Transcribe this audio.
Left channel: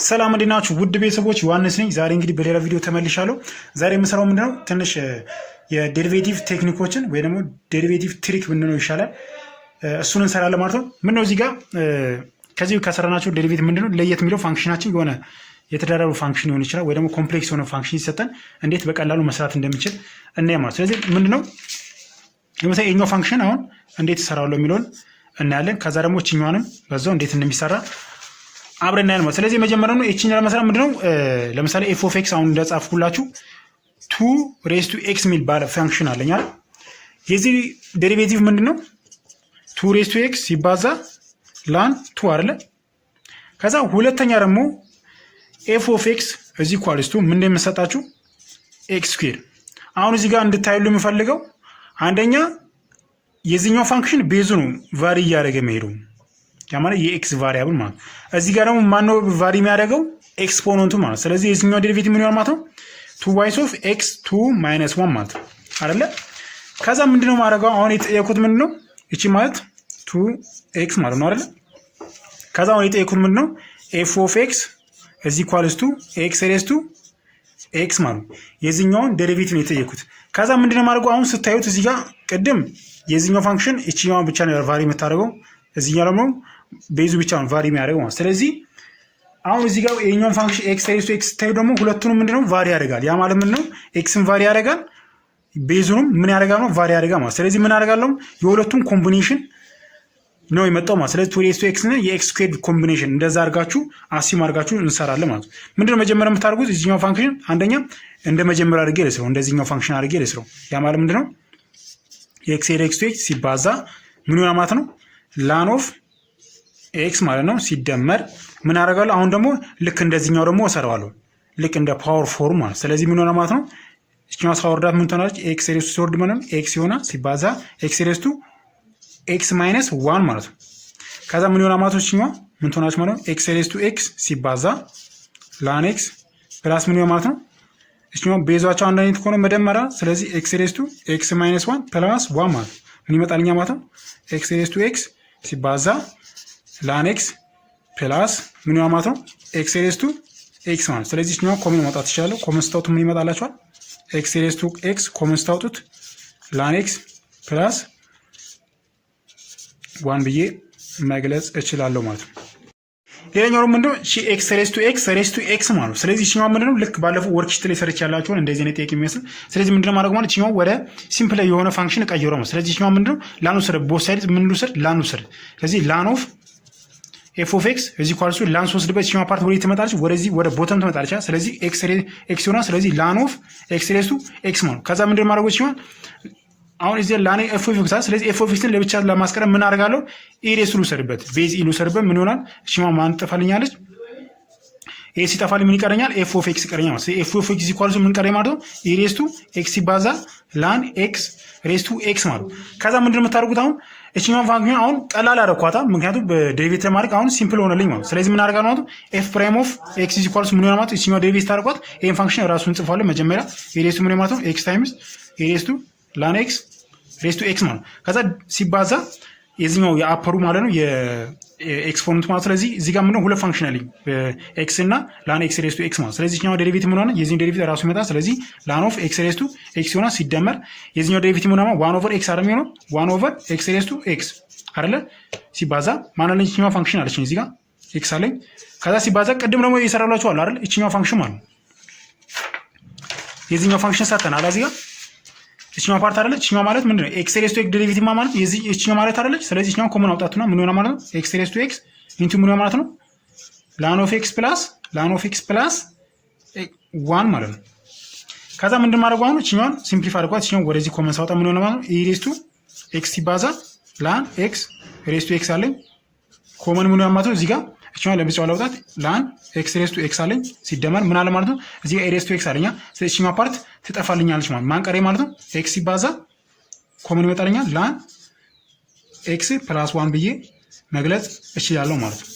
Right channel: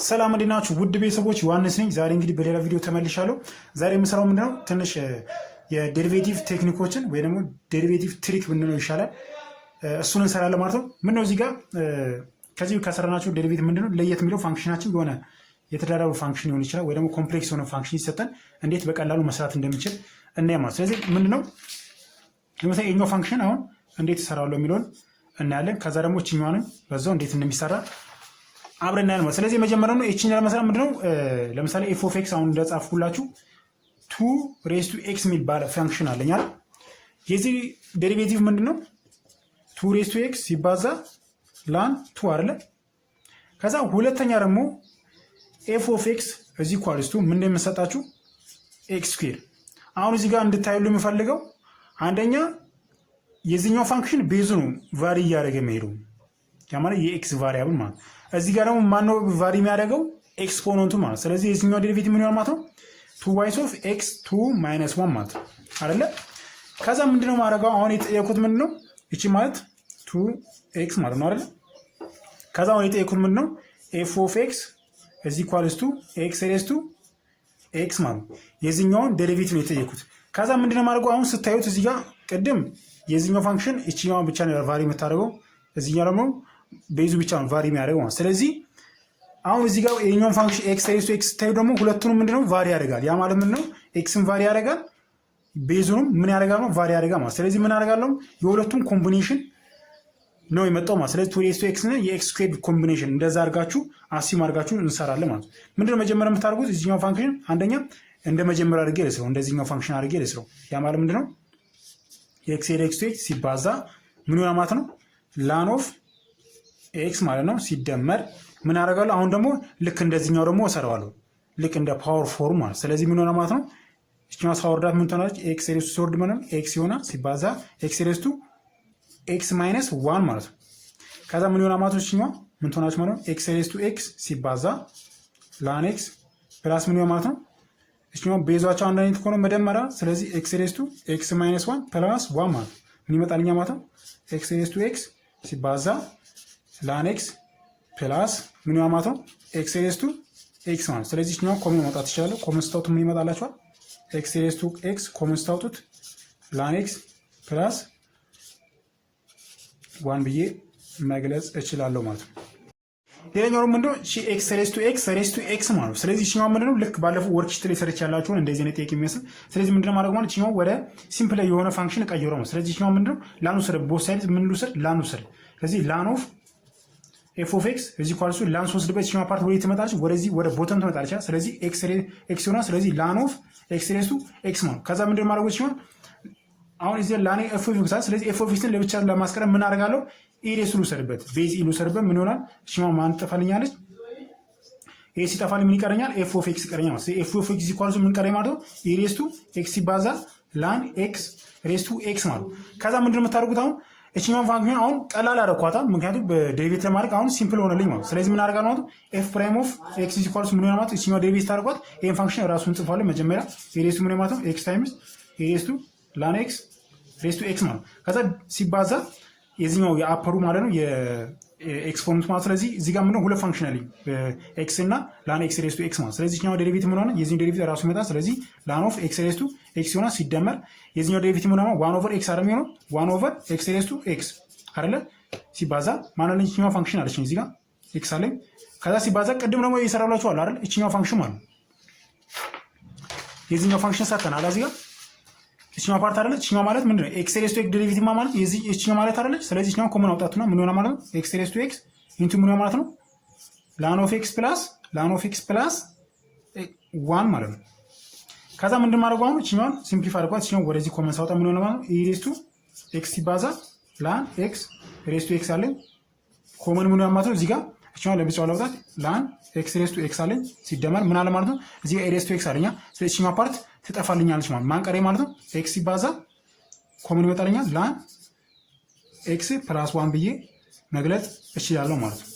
ሰላም እንዴናችሁ ውድ ቤተሰቦች ዮሐንስ ነኝ። ዛሬ እንግዲህ በሌላ ቪዲዮ ተመልሻለሁ። ዛሬ የምሰራው ምንድነው ትንሽ የዴሪቬቲቭ ቴክኒኮችን ወይ ደግሞ ዴሪቬቲቭ ትሪክ ምንድነው ይሻላል እሱን እንሰራለን ማለት ነው። ምንድነው እዚህ ጋር ከዚህ ከሰራናቸው ዴሪቬቲቭ ምንድነው ለየት የሚለው ፋንክሽናችን የሆነ የተደራረቡ ፋንክሽን ሊሆን ይችላል ወይ ደግሞ ኮምፕሌክስ የሆነ ፋንክሽን ይሰጠን እንዴት በቀላሉ መስራት እንደምንችል እናያለን ማለት። ስለዚህ ምንድነው ለምሳሌ የኛው ፋንክሽን አሁን እንዴት ይሰራዋል የሚለውን እናያለን። ከዛ ደግሞ እቺኛዋንም በዛው እንዴት እንደሚሰራ አብረን እናያለን ማለት። ስለዚህ መጀመሪያው ነው እቺኛ ለመስራት ምንድነው ለምሳሌ f of x አሁን እንደጻፍኩላችሁ 2 raised to x ሚል ባለ ፋንክሽን አለኛ። የዚህ ዴሪቬቲቭ ምንድነው 2 raised to x ሲባዛ ln 2 አይደለ። ከዛ ሁለተኛ ደግሞ f of x is equals to ምን እንደምሰጣችሁ x square። አሁን እዚህ ጋር እንድታዩሉ የምፈልገው አንደኛ የዚህኛው ፋንክሽን ቤዙ ነው ቫሪ እያደረገ መሄዱ ያማለ የኤክስ ቫሪያብል ማለት እዚህ ጋር ደግሞ ማን ነው ቫሪ የሚያደርገው ኤክስፖነንቱ ማለት። ስለዚህ የዚህኛው ዴሪቬቲቭ ምን ይሆናል ማለት ነው 2y of x 2 - 1 ማለት አይደለ። ከዛ ምንድነው ማድረጋው አሁን የጠየቁት ምንድነው እቺ ማለት 2x ማለት ነው አይደለ። ከዛ አሁን የጠየቁት ምንድነው f of x is equals to x raised to x ማለት የዚህኛውን ዴሪቬቲቭ ነው የጠየቁት። ከዛ ምንድነው ማድረጋው አሁን ስታዩት እዚህ ጋር ቅድም የዚህኛው ፋንክሽን እቺኛው ብቻ ነው ቫሪ የምታደርገው እዚህኛው ደግሞ ቤዙ ብቻ ነው ቫሪ የሚያደርገው ማለት። ስለዚህ አሁን እዚህ ጋር የኛውን ፋንክሽን x raised to x ታዩ ደግሞ ሁለቱንም ምንድነው ቫሪ ያደርጋል። ያ ማለት ምንድነው xን ቫሪ ያደርጋል ቤዙንም ምን ያደርጋል ነው ቫሪ ያደርጋል ማለት። ስለዚህ ምን አደርጋለሁ የሁለቱም ኮምቢኔሽን ነው የመጣው ማለት። ስለዚህ 2 raised to x እና የx squared ኮምቢኔሽን እንደዛ አድርጋችሁ አሲም አድርጋችሁ እንሰራለን ማለት። ምንድነው መጀመሪያ የምታደርጉት እዚህኛው ፋንክሽን አንደኛ እንደ መጀመሪያ አድርጌ ልስረው እንደዚህኛው ፋንክሽን አድርጌ ልስረው። ያ ማለት ምንድነው x raised to x ሲባዛ ምን ይሆናል ማለት ነው ln of x ማለት ነው ሲደመር ምን አደርጋለሁ አሁን ደግሞ ልክ እንደዚህኛው ደግሞ እሰራዋለሁ ልክ እንደ ፓወር ፎርም ማለት። ስለዚህ ምን ሆነ ማለት ነው እቺኛው ሳወርዳት ምን ትሆናለች x raised to ሲወርድ ማለት x ይሆናል ሲባዛ x raised to x - 1 ማለት ነው። ከዛ ምን ይሆናል ማለት ነው እቺኛው ምን ትሆናለች ማለት ነው x raised to x ሲባዛ ln x ፕላስ ምን ይሆናል ማለት ነው እቺኛው ቤዛቸው አንድ አይነት ሆኖ መደመራ። ስለዚህ x raised to x - 1 ፕላስ 1 ማለት ምን ይመጣልኛ ማለት ነው x raised to x ሲባዛ ln x ፕላስ ምን ይሆናል ማለት ነው x raised to x ማለት። ስለዚህ እኛው ኮመን ማውጣት ይችላል። ኮመን ስታውት ምን ይመጣላችኋል x raised to x ኮመን ስታውቱት ln x ፕላስ 1 ብዬ መግለጽ እችላለሁ ማለት ነው። ሌላኛው ምንድነው x raised to x ማለት ነው። ስለዚህ እኛው ምንድነው ልክ ባለፈው ወርክሺት ላይ ሰርች ያላችሁን እንደዚህ አይነት ጥያቄ የሚመስል። ስለዚህ ምንድነው ማድረግ ማለት እኛው ወደ ሲምፕል የሆነ ፋንክሽን ቀይሮ ነው። ስለዚህ እኛው ምንድነው ln ወሰደ ቦት ሳይድስ ምን ልውሰድ ln ወሰደ። ስለዚህ ln of f of x is equals to ln ወስድበት እኛው ፓርት ወደ ትመጣለች ወደዚህ ወደ ቦተም ትመጣለች። ስለዚህ x ይሆናል። ስለዚህ ln of x raised to x ማለት ከዛ ምንድነው ማድረግ ይችላል አሁን እዚህ ln f of x ስለዚህ f of x ለብቻ ለማስቀረብ ምን አደርጋለሁ ኢሬስ ልውሰድበት ቤዝ ልውሰድበት ምን ይሆናል እሺማ ማን ጠፋልኛለች ኤ ሲጠፋል ምን ይቀረኛል f of x ይቀረኛል ማለት f of x equals ምን ቀረኝ ማለት ነው ኢሬስ ቱ x ይባዛ ln x raised to x ማለት ከዛ ምንድነው የምታደርጉት አሁን እቺኛው ፋንክሽን አሁን ቀላል አደረኳታ ምክንያቱም በዴሪቬቲቭ ለማድረግ አሁን ሲምፕል ሆነልኝ ማለት። ስለዚህ ምን አደርጋለሁ ማለት f prime of x equals ምን ይሆናል ማለት እቺኛው ዴሪቬቲቭ ታደርጓት ይሄን ፋንክሽን ራሱን ጽፏል መጀመሪያ ኢሬስ ቱ ምን ማለት ነው x times ኢሬስ ቱ ln x raised to x ማለት ከዛ ሲባዛ የዚህኛው የአፐሩ ማለት ነው የኤክስፖነንት ማለት። ስለዚህ እዚህ ጋር ምንድነው ሁለት ፋንክሽን አለኝ x እና ln x raised to x ማለት። ስለዚህ እኛው ዴሪቬቲቭ ምን ሆነ የዚህኛው ዴሪቬቲቭ ራሱ ይመጣል። ስለዚህ ln of x raised to x ይሆናል ሲደመር የዚህኛው ዴሪቬቲቭ ምን ሆነ 1 over x አይደል የሚሆነው 1 over x raised to x አይደለ ሲባዛ ማን አለኝ እቺኛው ፋንክሽን አለችኝ እዚህ ጋር x አለኝ። ከዛ ሲባዛ ቅድም ደግሞ እየሰራላችሁ አለ አይደል እቺኛው ፋንክሽን ማለት የዚህኛው ፋንክሽን ሰርተናል እዚህ ጋር እቺኛው ፓርት አይደለች እቺኛው ማለት ምንድነው x raised to x ዴሪቬቲቭ ማለት የዚህ እቺኛው ማለት አይደለች። ስለዚህ እቺኛው ኮመን አውጣቱና ምን ሆነ ማለት ነው x raised to x ኢንቱ ምን ሆነ ማለት ነው ln of x plus 1 ማለት ነው። ከዛ ምንድን ማድረግ አሁን እቺኛውን ሲምፕሊፋይ አድርጓት እቺኛው ወደዚህ ኮመን ሳውጣ ምን ሆነ ማለት ነው e raised to x ሲባዛ ln x raised to x አለኝ ኮመን ምን ሆነ ማለት ነው እዚህ ጋር እቺኛው ለብቻው ለውጣት ln x raised to x አለኝ ሲደመር ምን አለ ማለት ነው እዚህ ጋር e raised to x አለኛ። ስለዚህ እቺኛው ፓርት ትጠፋልኛለች ማለት ማን ቀሬ ማለት ነው x ሲባዛ ኮመን ይመጣልኛል ln x + 1 ብዬ መግለጽ እችላለሁ ማለት ነው።